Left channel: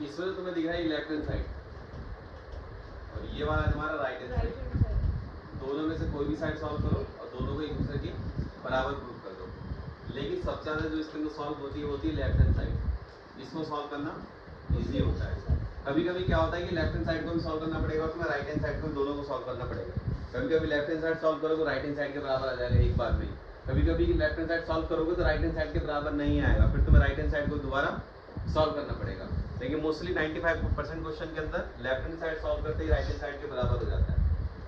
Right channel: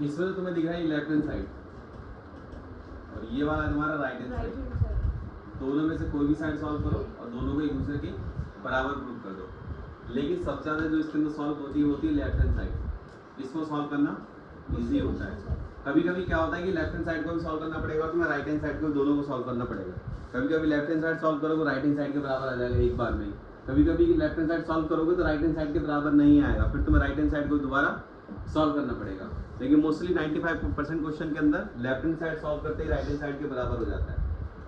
इसमें तो तुम्हें दिख रहा है लेफ्ट हैंड साइड और ये वाला हमारा राइट हैंड साइड। दोनों में से कोई भी साइड सॉल्व करो और दोनों को एक दूसरे के बराबर प्रूव कर दो। लेकिन सबसे ज़्यादा जो इसके अंदर सॉल्व होती है लेफ्ट हैंड साइड। इसको सॉल्व करना इजी होता है। कभी कभी क्या होता है कि लेफ्ट हैंड साइड को भी सॉल्व करना पड़ेगा और तुम्हें राइट हैंड साइड को दोनों को सॉल्व करना पड़ेगा। कभी कभी लेफ्ट हैंड साइड सॉल्व करोगे राइट हैंड साइड के बराबर आ जाएगा एक बार में। कभी कभी लेफ्ट हैंड साइड सॉल्व करोगे तो राइट हैंड साइड के बराबर नहीं आएगा, फिर तुम्हें राइट हैंड साइड को दोबारा सॉल्व करना पड़ेगा। लेकिन मोस्टली 95% क्वेश्चन के अंदर लेफ्ट हैंड साइड सॉल्व करते ही राइट हैंड साइड के बराबर हो जाता है।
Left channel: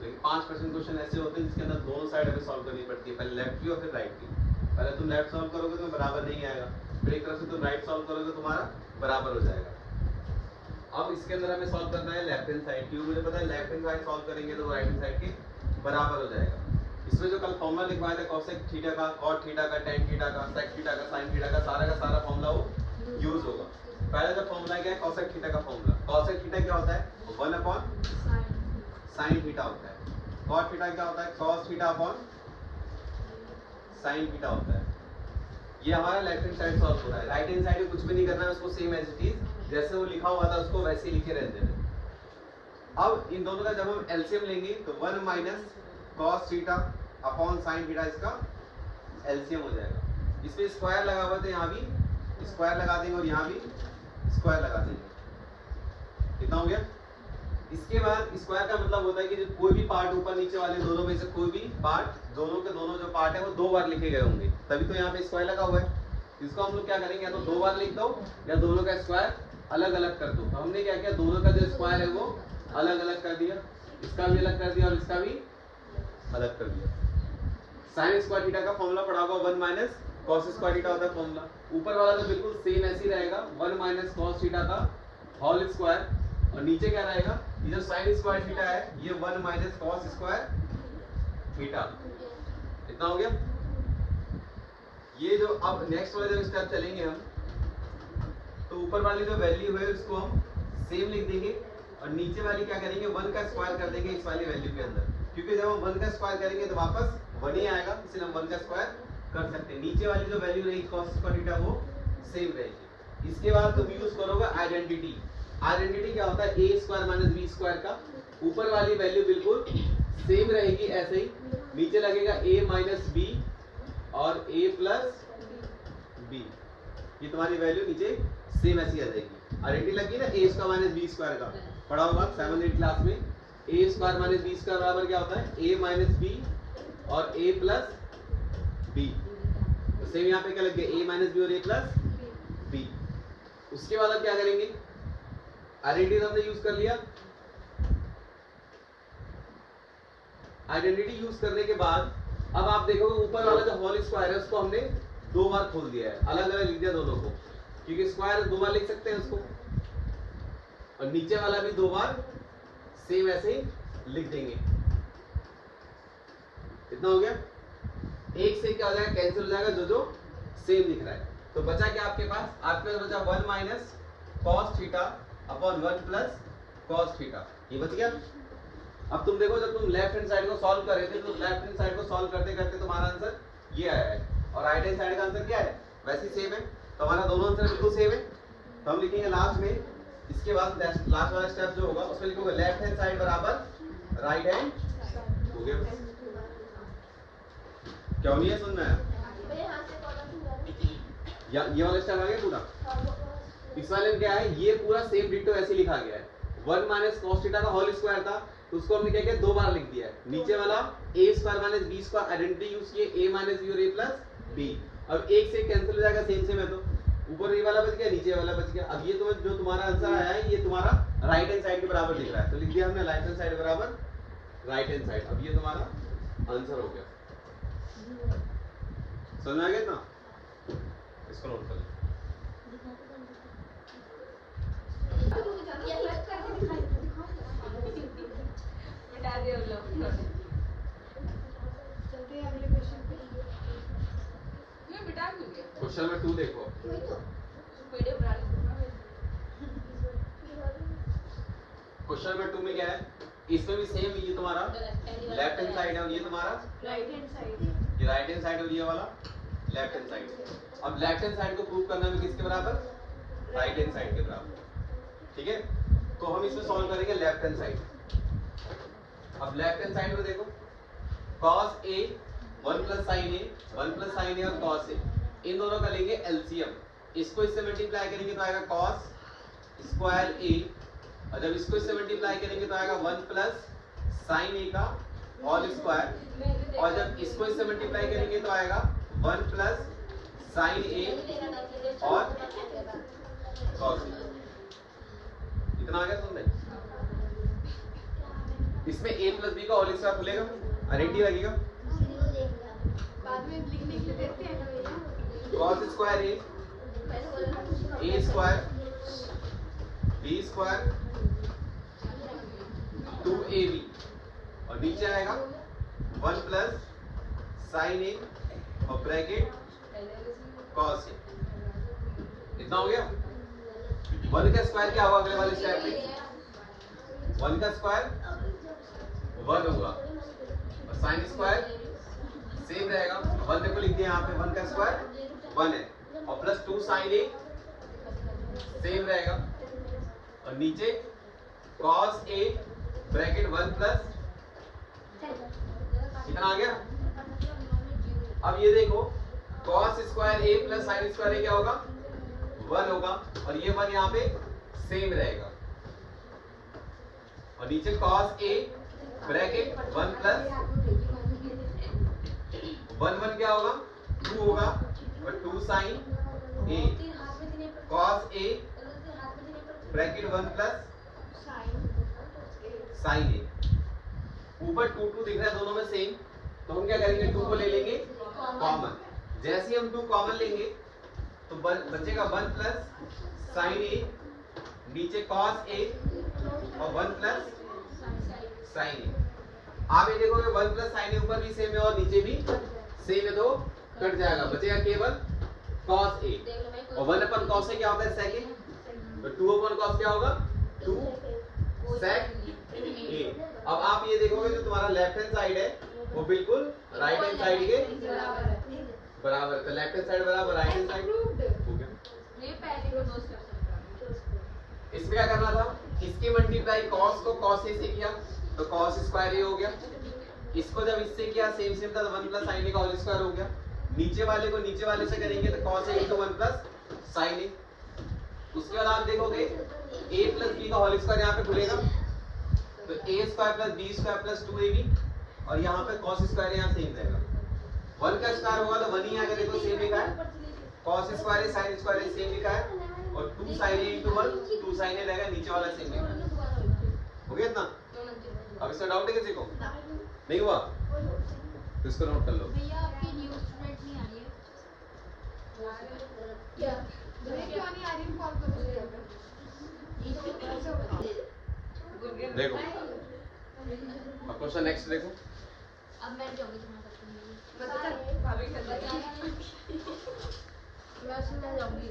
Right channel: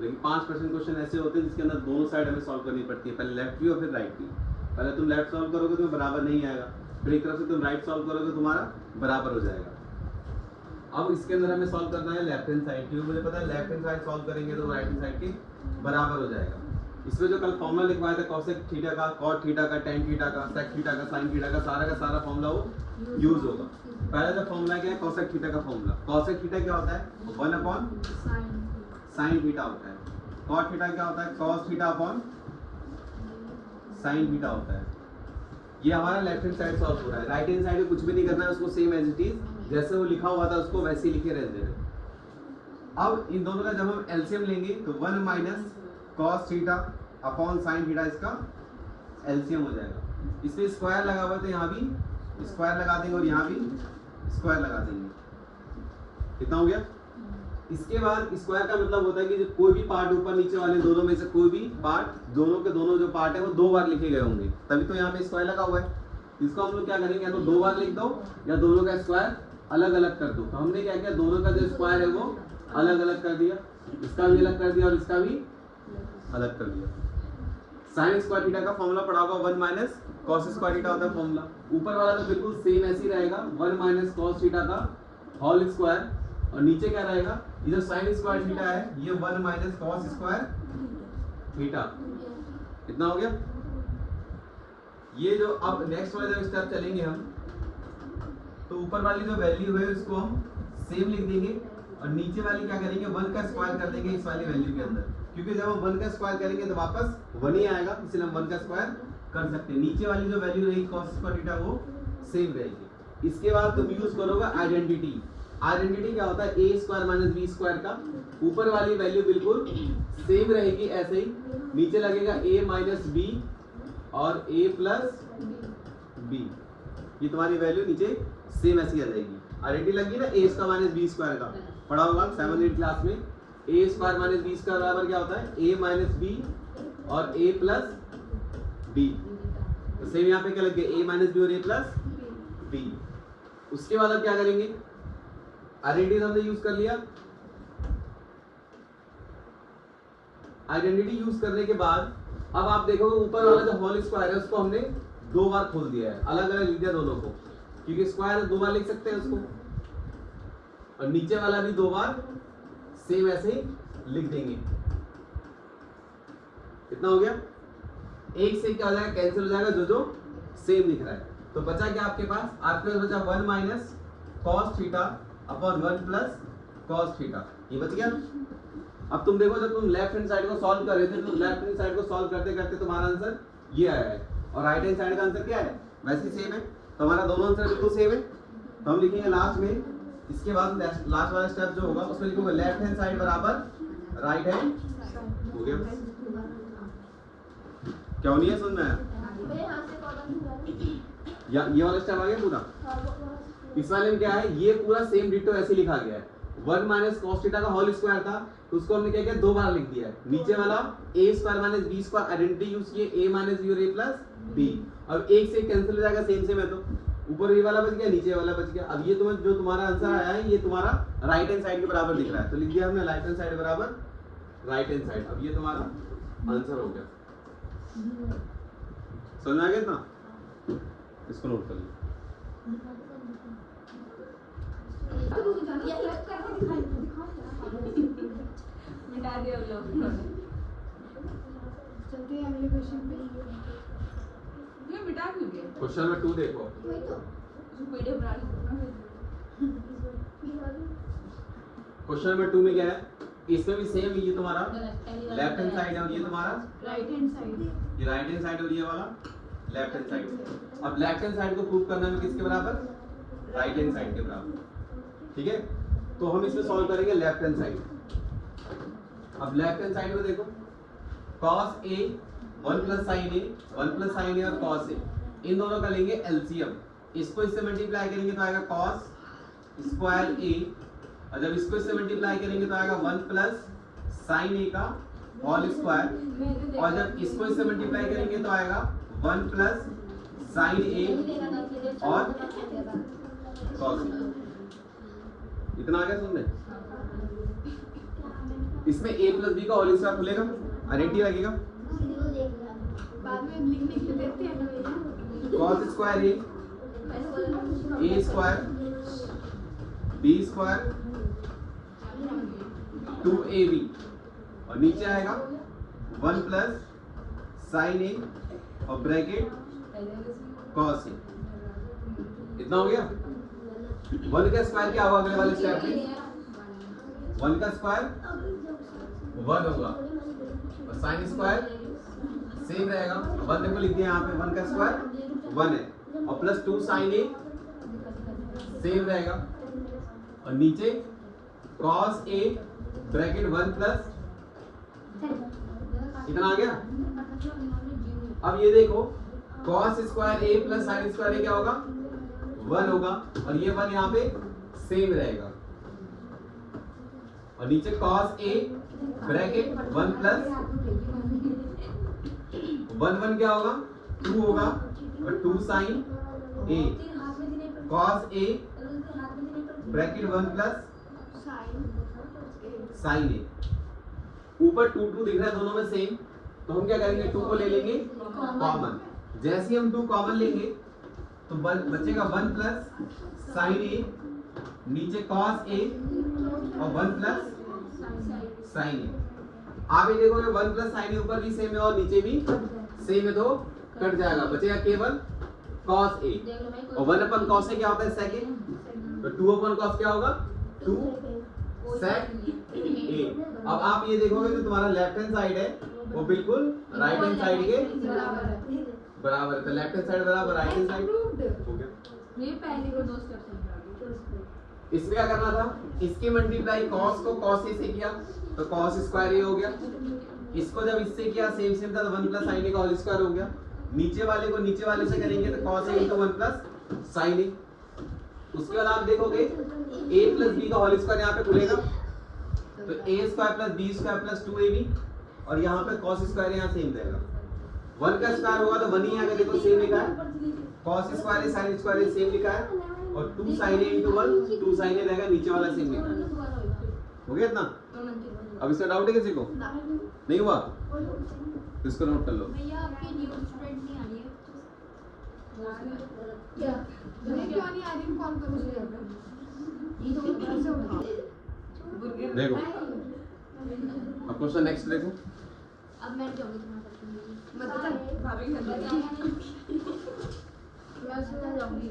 लेकिन 5% क्वेश्चन ऐसे होते हैं जिसके अंदर दोनों साइड हमें सॉल्व करनी पड़ती है, पहले लेफ्ट की और फिर राइट की। पहले तुम लेफ्ट सॉल्व करोगे तो बराबर नहीं आएगा, फिर एक तरफ से तुम राइट सॉल्व करोगे तुम्हारा बराबर हो जाएगा। अब इसके अंदर हमें सॉल्व करना है लेफ्ट हैंड साइड की। मुझे पता है लेफ्ट हैंड साइड सॉल्व करेंगे तो राइट हैंड साइड के बराबर हो जाएगा। इसमें जो कल फॉर्मूला लिखवाया था कोसेक थीटा का, कॉट थीटा का, टेन थीटा का, सेक थीटा का, साइन थीटा का सारा फॉर्मूला वो यूज होगा। पहला जो फॉर्मूला क्या है कोसेक थीटा का फॉर्मूला। कोसेक थीटा क्या होता है 1/sin थीटा होता है। कॉट थीटा क्या होता है cos theta upon sin theta होता है। ये हमारा लेफ्ट हैंड साइड सॉल्व हो रहा है। राइट हैंड साइड में कुछ भी नहीं करना है, उसको सेम एज इट इज जैसे वो लिखा हुआ था उसको वैसे ही लिखे रहने देना। अब इन दोनों का जब हम एलसीएम लेंगे तो 1 - cos theta upon sin theta इसका एलसीएम हो जाएगा। इसमें स्क्वायर लगा हुआ था, यहाँ भी स्क्वायर लगा देंगे और यहाँ भी स्क्वायर लगा देंगे। कितना हो गया? इसके बाद स्क्वायर का मतलब होता है कि जो कोई भी पार्ट ऊपर नीचे वाले दोनों में से कोई भी पार्ट, दोनों के दोनों जो पार्ट है वो 2 बार लिखे गए होंगे, तभी तो यहाँ पे स्क्वायर लगा हुआ है। इसको हम लोग क्या करेंगे, या तो 2 बार लिख दो या दोनों का स्क्वायर अलग अलग कर दो। तो हमने क्या किया, दोनों का जो स्क्वायर है वो अलग अलग कर दिया, इसका भी अलग कर दिया और इसका भी अलग कर दिया। साइन स्क्वायर थीटा का फॉर्मूला पढ़ा होगा 1 - cos स्क्वायर थीटा होता है फॉर्मूला। ऊपर वाला तो बिल्कुल सेम ऐसे ही रहेगा 1 - cos थीटा का होल स्क्वायर, और नीचे क्या रहेगा, ये जो साइन स्क्वायर थीटा है ये 1 - cos स्क्वायर थीटा। कितना हो गया? ये जो अब नेक्स्ट वाले जब स्टेप चलेंगे हम, तो ऊपर वाली जो वैल्यू है उसको हम सेम लिख देंगे और नीचे वाली क्या करेंगे 1 का स्क्वायर कर देंगे इस वाली वैल्यू के अंदर, क्योंकि जब हम 1 का स्क्वायर करेंगे तो वापस 1 ही आएगा, इसलिए हम 1 का स्क्वायर कर सकते हैं। नीचे वाली जो वैल्यू रहेगी cos स्क्वायर थीटा वो सेम रहेगी। इसके बाद तुम यूज करोगे आइडेंटिटी। आइडेंटिटी क्या होता है a स्क्वायर - b स्क्वायर का। ऊपर वाली वैल्यू बिल्कुल सेम रहेगी ऐसे ही, नीचे लगेगा a - b और a + b। ये तुम्हारी वैल्यू नीचे सेम ऐसी आ जाएगी। आइडेंटिटी लगी ना a स्क्वायर - b स्क्वायर का, पढ़ा होगा 7th क्लास में। a स्क्वायर - b स्क्वायर बराबर क्या होता है a - b और a + b। सेम यहाँ पे क्या लग गया a - b और a + b। उसके बाद अब क्या करेंगे, आइडेंटिटी हमने यूज कर लिया। आइडेंटिटी यूज करने के बाद अब आप देखोगे ऊपर वाला जो होल स्क्वायर है उसको हमने 2 बार खोल दिया है, अलग अलग लिख दिया दोनों को, क्योंकि स्क्वायर 2 बार लिख सकते हैं उसको, और नीचे वाला भी 2 बार सेम ऐसे ही लिख देंगे। कितना हो गया? एक से क्या हो जाएगा, कैंसिल हो जाएगा जो जो सेम लिख रहा है। तो बचा क्या आपके पास? आपके पास बचा 1 - cos theta upon 1 + cos theta. ये बच गया। अब तुम देखो जब तुम लेफ्ट हैंड साइड को सॉल्व कर रहे थे तो लेफ्ट हैंड साइड को सॉल्व करते करते तुम्हारा आंसर ये आया है, और राइट हैंड साइड का आंसर क्या है वैसे सेम है। तो हमारा दोनों आंसर बिल्कुल सेम है। तो हम लिखेंगे लास्ट में, इसके बाद लास्ट वाला स्टेप जो होगा उसमें लिखोगे लेफ्ट हैंड साइड बराबर राइट हैंड। हो गया? क्यों नहीं है सुन में या ये वाला स्टेप आ गया पूरा। इस वाले में क्या है, ये पूरा सेम डिटो ऐसे लिखा गया है। 1 - cos थीटा का होल स्क्वायर था तो उसको हमने क्या किया 2 बार लिख दिया है। नीचे वाला a square - b square identity use किए a - b और a + b। अब एक से कैंसिल हो जाएगा सेम सेम है, तो ऊपर ये वाला बच गया नीचे वाला बच गया। अब ये तुम्हें जो तुम्हारा आंसर आया है ये तुम्हारा राइट हैंड साइड के बराबर लिख रहा है, तो लिख दिया हमने राइट हैंड साइड बराबर राइट हैंड साइड। अब ये तुम्हारा आंसर हो गया। समझ आ गया ना? इसको नोट कर लो। मिटा दिया हम लोग। चलते हैं अगले क्वेश्चन पे। ये मिटा क्यों दिया? क्वेश्चन नंबर 2 देखो। वीडियो बना क्वेश्चन नंबर 2 में क्या है, इसमें भी सेम, ये तुम्हारा लेफ्ट हैंड साइड है और ये तुम्हारा राइट हैंड साइड। ये राइट हैंड साइड और ये वाला लेफ्ट हैंड साइड। अब लेफ्ट हैंड साइड को प्रूव करना है किसके बराबर? राइट हैंड साइड के बराबर। ठीक है, तो हम इसमें सॉल्व करेंगे लेफ्ट हैंड साइड। अब लेफ्ट हैंड साइड में देखो cos a 1 plus sine A, 1 plus sine A और cos a, इन दोनों का लेंगे एलसीएम। इसको इससे मल्टीप्लाई करेंगे तो आएगा cos स्क्वायर a, और जब इसको इससे मल्टीप्लाई करेंगे तो आएगा 1 प्लस साइन ए का होल स्क्वायर, और जब इसको इससे मल्टीप्लाई करेंगे तो आएगा 1 प्लस साइन ए और cos a। इतना आ गया तुमने? इसमें a प्लस b का होल स्क्वायर खुलेगा, अरेटी लगेगा, बाद में लिखने के लिए देते हैं ना भैया। cos square a square b square 2ab, और नीचे आएगा 1 प्लस साइन ए और ब्रैकेट cos a। इतना हो गया। 1 का स्क्वायर क्या होगा अगले वाले स्टेप में? 1 का स्क्वायर 1 होगा, और साइन स्क्वायर सेम रहेगा। अब देखो लिख दिया यहाँ पे 1 का स्क्वायर 1 है, और प्लस 2 साइन ए सेम रहेगा, और नीचे cos a ब्रैकेट 1 प्लस, इतना आ गया। अब ये देखो cos square a plus sine square a क्या होगा? 1 होगा, और ये 1 यहाँ पे सेम रहेगा, और नीचे cos a ब्रैकेट 1 प्लस 1 क्या होगा? 2 होगा, और 2 sine a cos a bracket 1 plus sine a। ऊपर 2 2 दिख रहा है दोनों में सेम, तो हम क्या करेंगे? 2 को ले लेंगे कॉमन। जैसे ही हम 2 कॉमन लेंगे तो बचेगा 1 प्लस साइन ए, नीचे cos a और 1 प्लस साइन ए। आप ये देखोगे 1 प्लस साइन ए ऊपर भी सेम है और नीचे भी सेम है, तो कट जाएगा, बचेगा केवल cos a, और 1 अपन cos a क्या होता है? सेकंड, तो 2 अपन cos क्या होगा? 2 sec a। अब आप ये देखोगे जो तुम्हारा लेफ्ट हैंड साइड है वो बिल्कुल राइट हैंड साइड के बराबर है, तो लेफ्ट हैंड साइड बराबर राइट हैंड साइड। ओके, ये पहले को 2 स्टेप समझा। इसमें क्या करना था? इसके मल्टीप्लाई cos को cos a से किया तो cos स्क्वायर a हो गया, इसको जब इससे किया सेम सेम था तो 1 प्लस sin a का होल स्क्वायर हो गया, नीचे वाले को नीचे वाले से करेंगे तो cos a into 1 plus sin a। उसके बाद आप देखोगे a प्लस b का होल स्क्वायर यहाँ पे खुलेगा, तो a square plus b square plus 2ab, और यहाँ पे cos स्क्वायर यहाँ सेम रहेगा। 1 का स्क्वायर होगा तो 1 ही आएगा, देखो सेम लिखा है, cos स्क्वायर है sin स्क्वायर है सेम लिखा है, और 2 sin a into 1 2 sin a रहेगा, नीचे वाला सेम लिखा है। हो गया इतना? अब इसमें डाउट है किसी को? नहीं हुआ? इसको नोट कर लो। भैया आपकी न्यू स्टूडेंट नहीं आ रही है क्या? क्यों नहीं आ रही? कॉल करो भैया को। ये तो कैसे होगा? देखो अब क्वेश्चन नेक्स्ट देखो। अब मैं जाऊंगी तुम्हारे पास। मतलब भाभी के मैं सीधा जाऊंगी।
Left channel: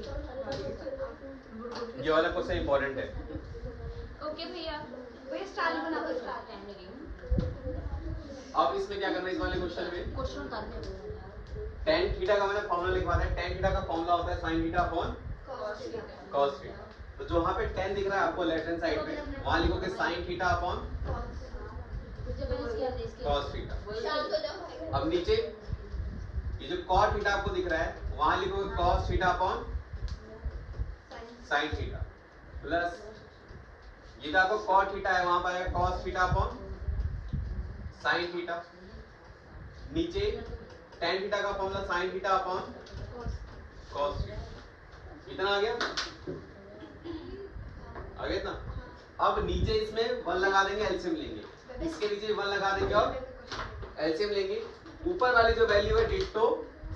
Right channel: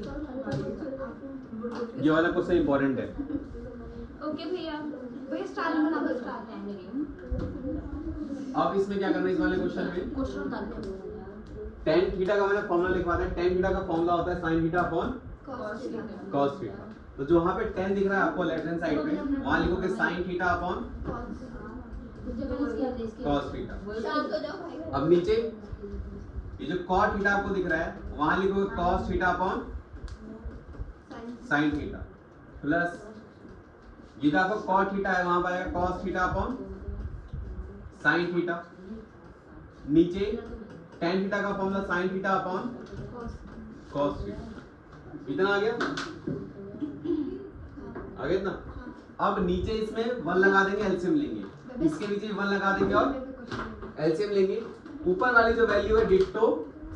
ये वाला क्वेश्चन इंपॉर्टेंट है। ओके भैया। भैया स्टार बना दो, स्टार टाइम लगेगा। अब इसमें क्या करना है? इस वाले क्वेश्चन में क्वेश्चन डाल दिया। tan थीटा का मैंने फॉर्मूला लिखवा दिया। tan थीटा का फॉर्मूला होता है sin theta upon cos theta. तो जो वहां पे tan दिख रहा है आपको लेफ्ट हैंड साइड पे, वहां लिखोगे sin theta upon cos theta. अब नीचे ये जो cot थीटा आपको दिख रहा है वहां लिखोगे cos theta upon sin theta, plus ये जो आपका cot थीटा है वहां पर आएगा cos theta upon sin theta, नीचे tan थीटा का formula sin theta upon cos theta. इतना आ गया? आ गया इतना? अब नीचे इसमें 1 लगा देंगे, एलसीएम लेंगे, इसके नीचे 1 लगा देंगे और एलसीएम लेंगे। ऊपर वाली जो वैल्यू है डिट्टो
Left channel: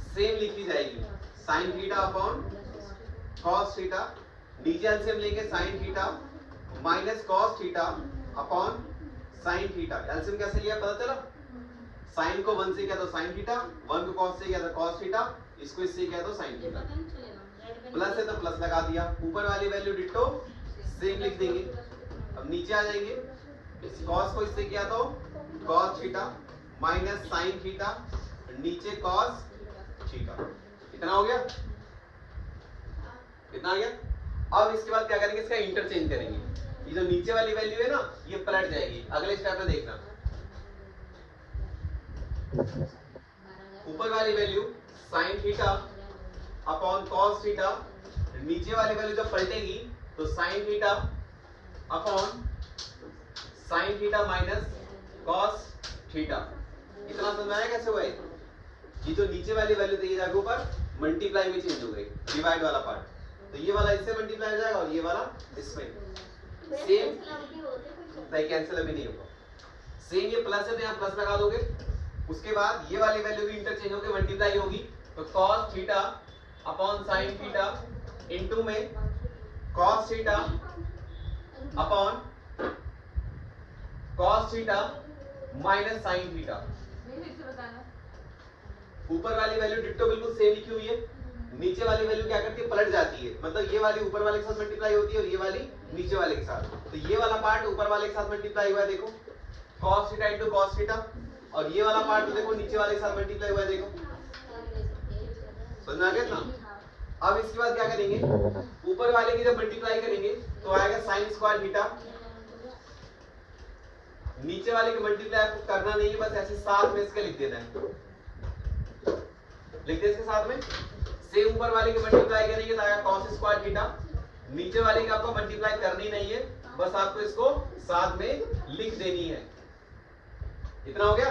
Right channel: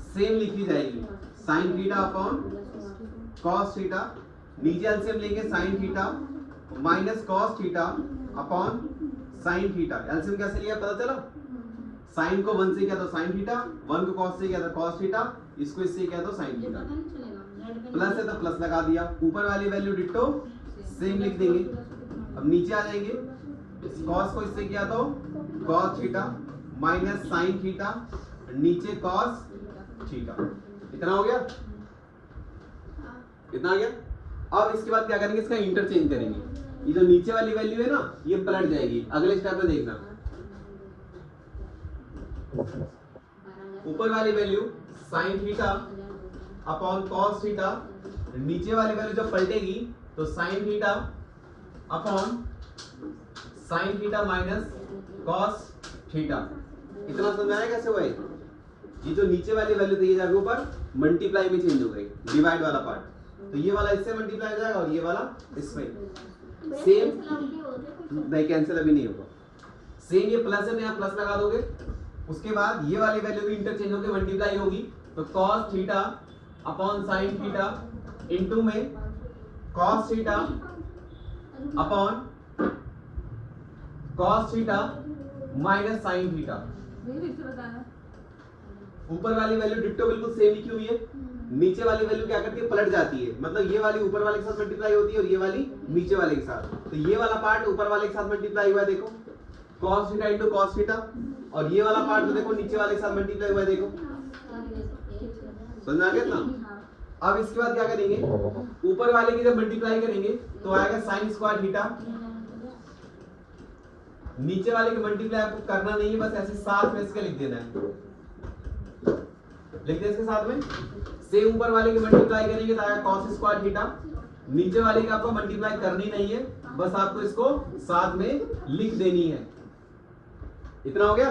सेम लिखी जाएगी, sin theta upon cos theta, नीचे एलसीएम लेंगे sin theta minus cos theta upon sin theta. LCM कैसे लिया पता चला? sin को 1 से किया तो sin थीटा, 1 को cos से किया तो cos थीटा, इसको इससे किया तो sin थीटा। प्लस है तो प्लस लगा दिया, ऊपर वाली वैल्यू डिट्टो सेम लिख देंगे। अब नीचे आ जाएंगे, cos को इससे किया तो cos theta minus sin theta, नीचे cos थीटा। इतना हो गया? इतना आ गया? अब इसके बाद क्या करेंगे, इसका इंटरचेंज करेंगे। ये जो नीचे वाली वैल्यू है ना, ये पलट जाएगी। अगले स्टेप में देखना, ऊपर वाली value sine theta upon cos theta, नीचे वाली वैल्यू जब पलटेगी तो sine theta upon sine theta minus cos theta. इतना समझ में आया कैसे हुआ? ये जो नीचे वाली वैल्यू थी, ये जाके ऊपर मल्टीप्लाई में चेंज हो गई, डिवाइड वाला पार्ट। तो ये वाला इससे मल्टीप्लाई हो जाएगा और ये वाला इसमें। सेम नहीं, कैंसिल अभी नहीं होगा। सेम ये प्लस है तो यहाँ प्लस लगा दोगे। उसके बाद ये वाली वैल्यू भी इंटरचेंज होकर मल्टीप्लाई होगी, तो cos theta upon sine theta into में cos theta upon cos theta minus sine theta. ऊपर वाली वैल्यू डिट्टो बिल्कुल सेम लिखी हुई है, नीचे वाली वैल्यू क्या करती है, पलट जाती है। मतलब ये वाली ऊपर वाले के साथ मल्टीप्लाई होती है और ये वाली नीचे वाले के साथ। तो ये वाला पार्ट ऊपर वाले के साथ मल्टीप्लाई हुआ है, देखो cos theta into cos theta, और ये वाला पार्ट देखो नीचे वाले के साथ मल्टीप्लाई हुआ है, देखो। समझ आ गया ना? अब इसके बाद क्या करेंगे, ऊपर वाले की जब मल्टीप्लाई करेंगे तो आएगा साइन स्क्वायर थीटा। नीचे वाले की मल्टीप्लाई आपको करना नहीं है, बस ऐसे साथ में इसके लिख देना है। लिख दे इसके साथ में। सेम ऊपर वाले की मल्टीप्लाई करेंगे तो आएगा cos स्क्वायर थीटा। नीचे वाले की आपको मल्टीप्लाई करनी नहीं है, बस आपको इसको साथ में लिख देनी है। इतना हो गया।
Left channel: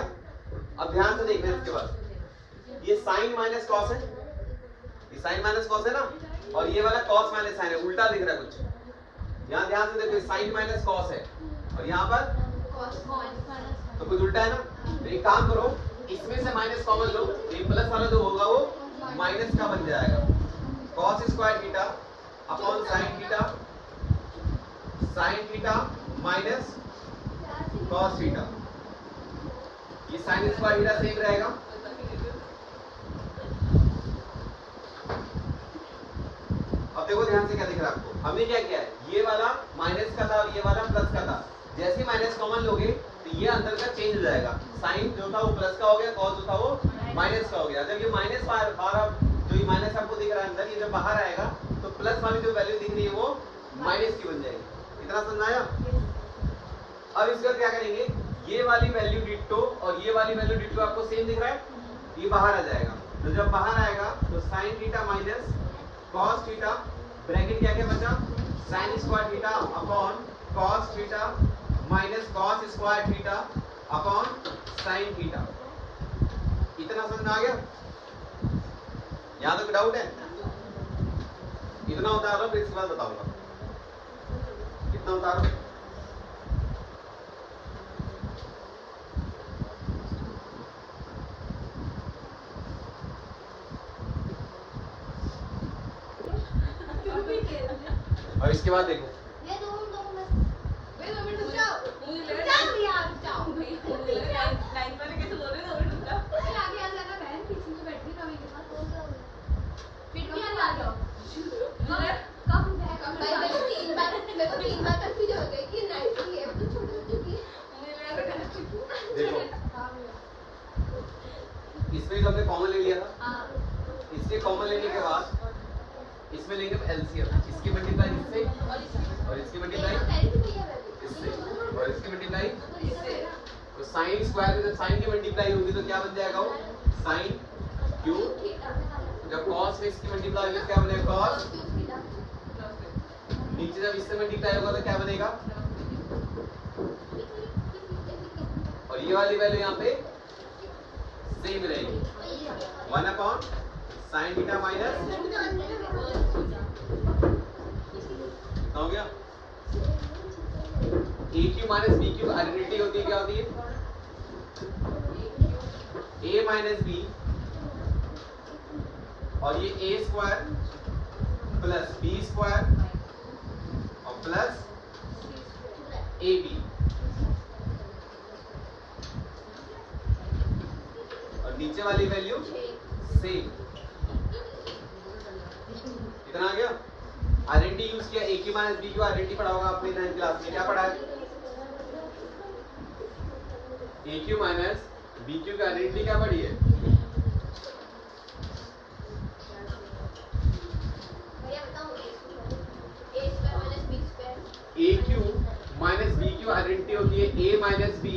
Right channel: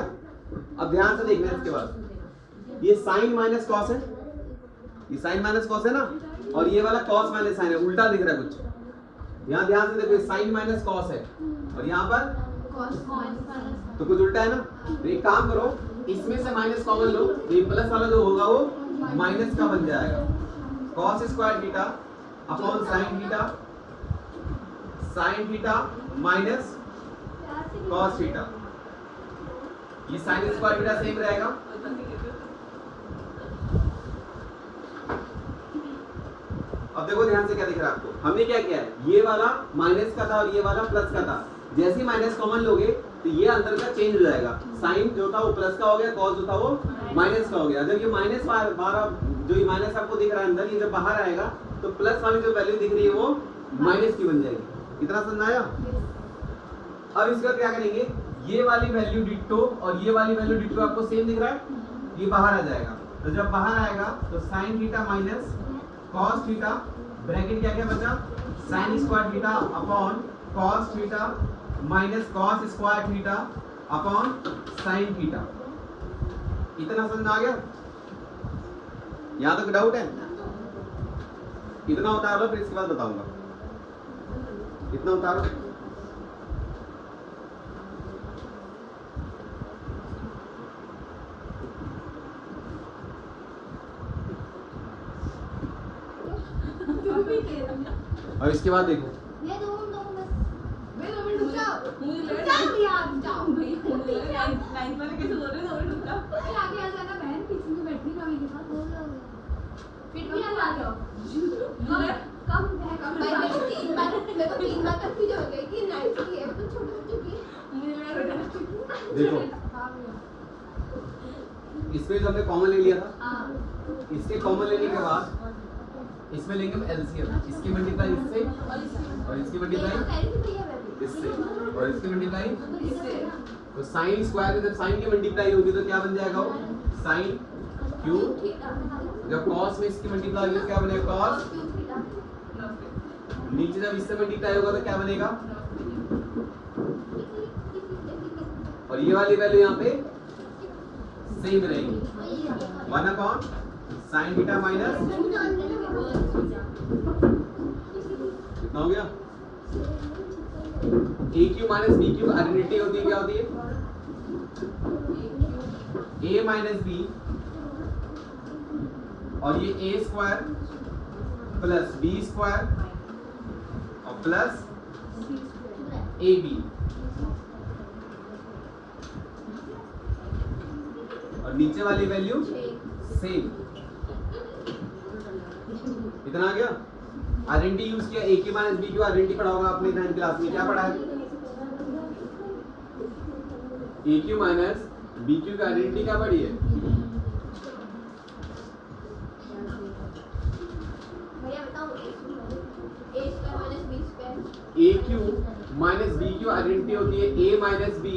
अब ध्यान से देखना इसके बाद, ये साइन माइनस कॉस है, ये साइन माइनस कॉस है ना, और ये वाला कॉस माइनस साइन है, उल्टा दिख रहा है कुछ। यहाँ ध्यान से देखो, ये साइन माइनस कॉस है और यहाँ पर तो कुछ उल्टा है ना। तो एक काम करो, इसमें से माइनस कॉमन लो, ये प्लस वाला जो होगा वो माइनस का बन जाएगा। cos square theta upon sine theta minus cos theta. ये साइन स्क्वायर थीटा सेम रहेगा। अब देखो ध्यान से क्या दिख रहा है आपको, हमने क्या किया है, ये वाला माइनस का था और ये वाला प्लस का था। जैसे ही माइनस कॉमन लोगे तो ये अंदर का चेंज हो जाएगा। साइन जो था वो प्लस का हो गया, कॉस जो था वो माइनस का हो गया। जब ये माइनस बार जो ये माइनस आपको दिख रहा है अंदर, ये जब बाहर आएगा तो प्लस वाली जो वैल्यू दिख रही है वो माइनस की बन जाएगी। कितना समझ आया? अब इसका क्या करेंगे, ये वाली वैल्यू डिट्टो और ये वाली वैल्यू डिट्टो आपको सेम दिख रहा है, ये बाहर आ जाएगा। तो जब बाहर आएगा तो sine theta minus cos theta, bracket क्या क्या बचा, sign square theta upon cos theta minus cos square theta upon sine theta. इतना समझ में आ गया? यहाँ तक डाउट है? इतना उतार लो, फिर इसके बाद बताऊंगा। इतना उतारो। और इसके बाद देखो, देखो इसमें जो हमने कॉमन ले लिया था, इसके कॉमन लेने के बाद इसमें लेंगे हम एलसीएम। इसकी मल्टीप्लाई इससे और इसकी मल्टीप्लाई इससे और इसकी मल्टीप्लाई तो साइन स्क्वायर में जब साइन की मल्टीप्लाई होगी तो क्या बन जाएगा, वो साइन क्यूब। जब कॉस में इसकी मल्टीप्लाई होगी तो क्या बनेगा, कॉस। नीचे जब इससे मल्टीप्लाई होगा तो क्या बनेगा, और ये वाली वैल्यू यहाँ पे सेम रहेगी, 1 अपॉन साइन थीटा माइनस। कितना हो गया? A cube minus B cube identity होती है, क्या होती है, ए माइनस बी, और ये A square plus B square plus A B, और नीचे वाली वैल्यू सेम। इतना आ गया? आइडेंटिटी यूज किया, A cube minus B cube identity पढ़ा होगा आपने 9th क्लास में। क्या पढ़ा है? A cube minus B cube की आइडेंटिटी क्या पढ़ी है? Cube minus B cube identity होती है A minus B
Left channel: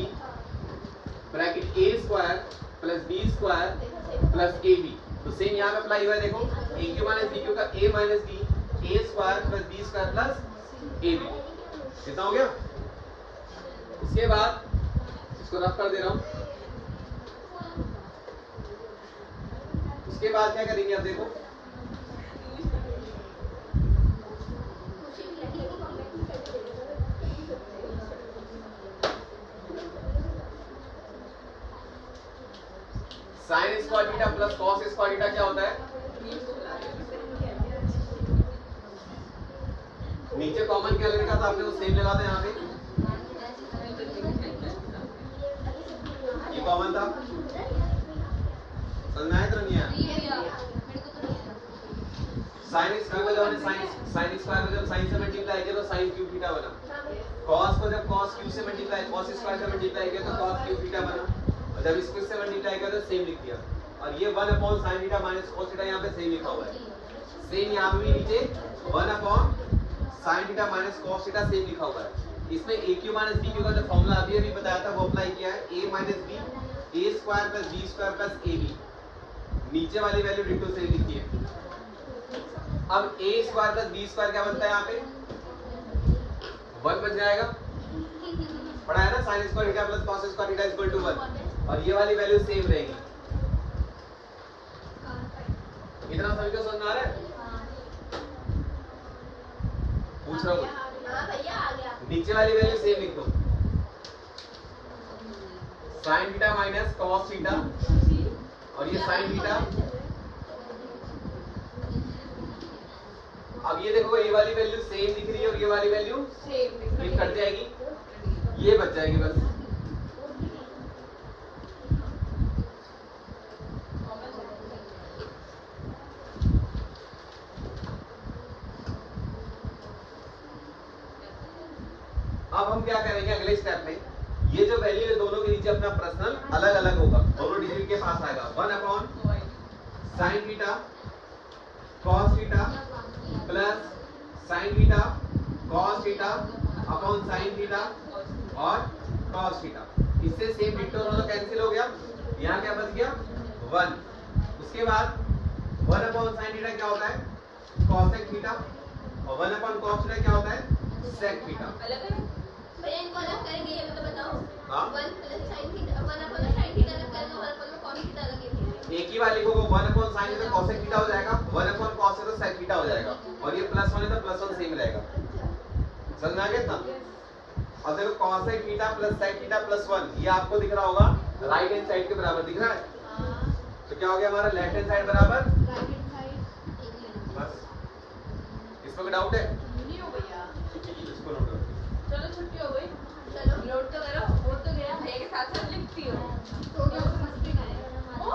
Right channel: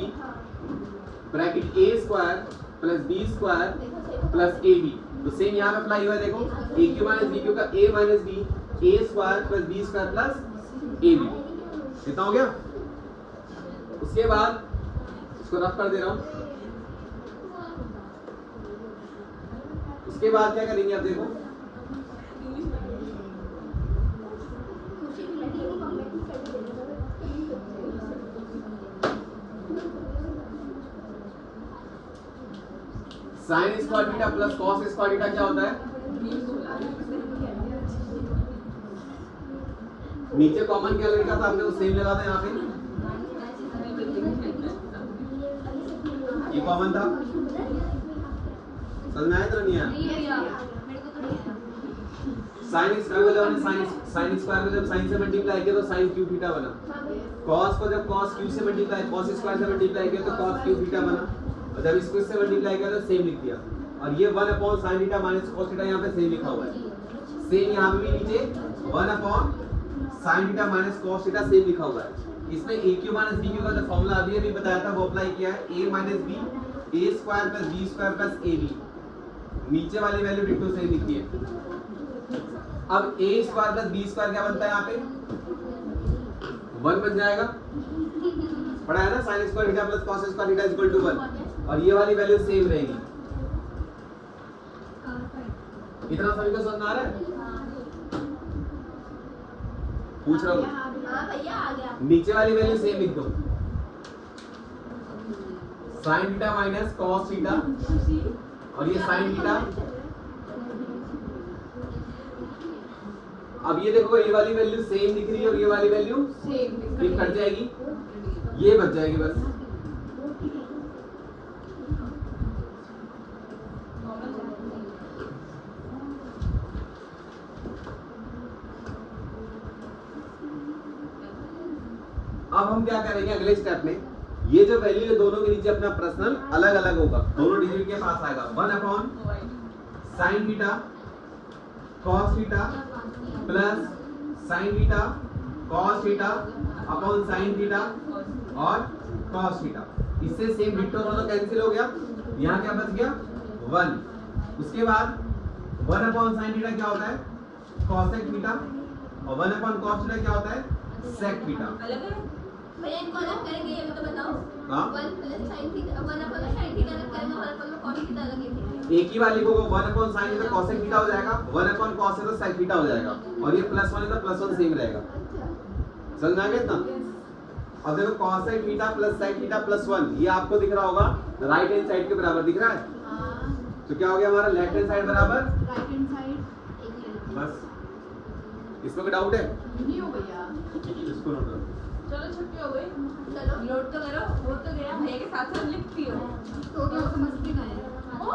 bracket A square plus B square plus A B. तो सेम यहाँ पे अप्लाई हुआ है, देखो A cube minus B cube का A minus B A square plus B square plus A b. कितना हो गया? उसके बाद इसको रफ कर दे रहा हूं। उसके बाद क्या करेंगे आप देखो, sign square theta plus cos square theta क्या होता है? नीचे कॉमन क्या लिखा था आपने, वो सेम लगा था यहाँ पे, ये कॉमन था, समझ में आया तो नहीं आया? साइन स्क्वायर को जब हमने साइन स्क्वायर को जब साइन से मल्टीप्लाई किया तो साइन क्यू थीटा बना। कॉस को जब कॉस क्यू से मल्टीप्लाई, कॉस स्क्वायर से मल्टीप्लाई किया तो कॉस क्यू थीटा बना। और जब इसको इससे मल्टीप्लाई किया तो सेम लिख दिया। और ये 1 upon sine theta minus cos theta यहाँ पे सेम लिखा हुआ है। सेम यहाँ पे भी नीचे 1 upon sine theta minus cos theta same लिखा हुआ है। इसमें ए क्यू माइनस बी क्यू का जो फॉर्मूला अभी अभी बताया था वो अप्लाई किया है। A minus B A square plus B square plus A B. नीचे वाली वैल्यू डिटो सेम लिखी है। अब A square plus B square क्या बनता है यहाँ पे? 1 बन जाएगा। पढ़ा है ना, sine square theta plus cos square theta equal to 1। और ये वाली वैल्यू सेम रहेगी। इतना सभी को समझ आ रहा है? पूछ रहा हूँ। नीचे वाली वैल्यू सेम लिख दो, sine theta minus cos theta, और ये साइन थीटा। अब ये देखो ये वाली वैल्यू सेम दिख रही है और ये वाली वैल्यू ये कट जाएगी, ये बच जाएगी बस। अब हम क्या करेंगे अगले स्टेप में, ये जो वैल्यू है दोनों के नीचे अपना पर्सनल अलग अलग होगा, दोनों डिजिट के पास आएगा। 1 upon sine theta cos theta plus sine theta cos theta upon sine theta और कॉस थीटा। इससे सेम डिटो दोनों कैंसिल हो गया। यहाँ क्या बच गया? 1। उसके बाद 1 अपॉन साइन थीटा क्या होता है? कॉसेक थीटा, और 1 अपॉन कॉस थीटा क्या होता है? Sec theta. अलग है। पहले इनको अलग करेंगे, ये तो बताओ। हाँ, 1 plus sin theta 1 upon sin theta अलग करेंगे और 1 अपॉन cos थीटा अलग करेंगे। एक ही वाली को 1 अपॉन sin है तो cosec थीटा हो जाएगा, 1 अपॉन cos है तो sec थीटा हो जाएगा, और ये +1 है तो +1 सेम रहेगा। समझ में आ गया इतना? अब देखो cosec theta plus sec theta +1 ये आपको दिख रहा होगा राइट हैंड साइड के बराबर दिख रहा है। हां, तो क्या हो गया हमारा लेफ्ट हैंड साइड बराबर राइट हैंड साइड बस। इसमें कोई डाउट है? नहीं हो गया। इसको नोट करो। चलो छुट्टी हो गई। चलो नोट तो करो, हो तो गया। भैया के साथ साथ लिखती हो। तो क्या समझते हैं? ओ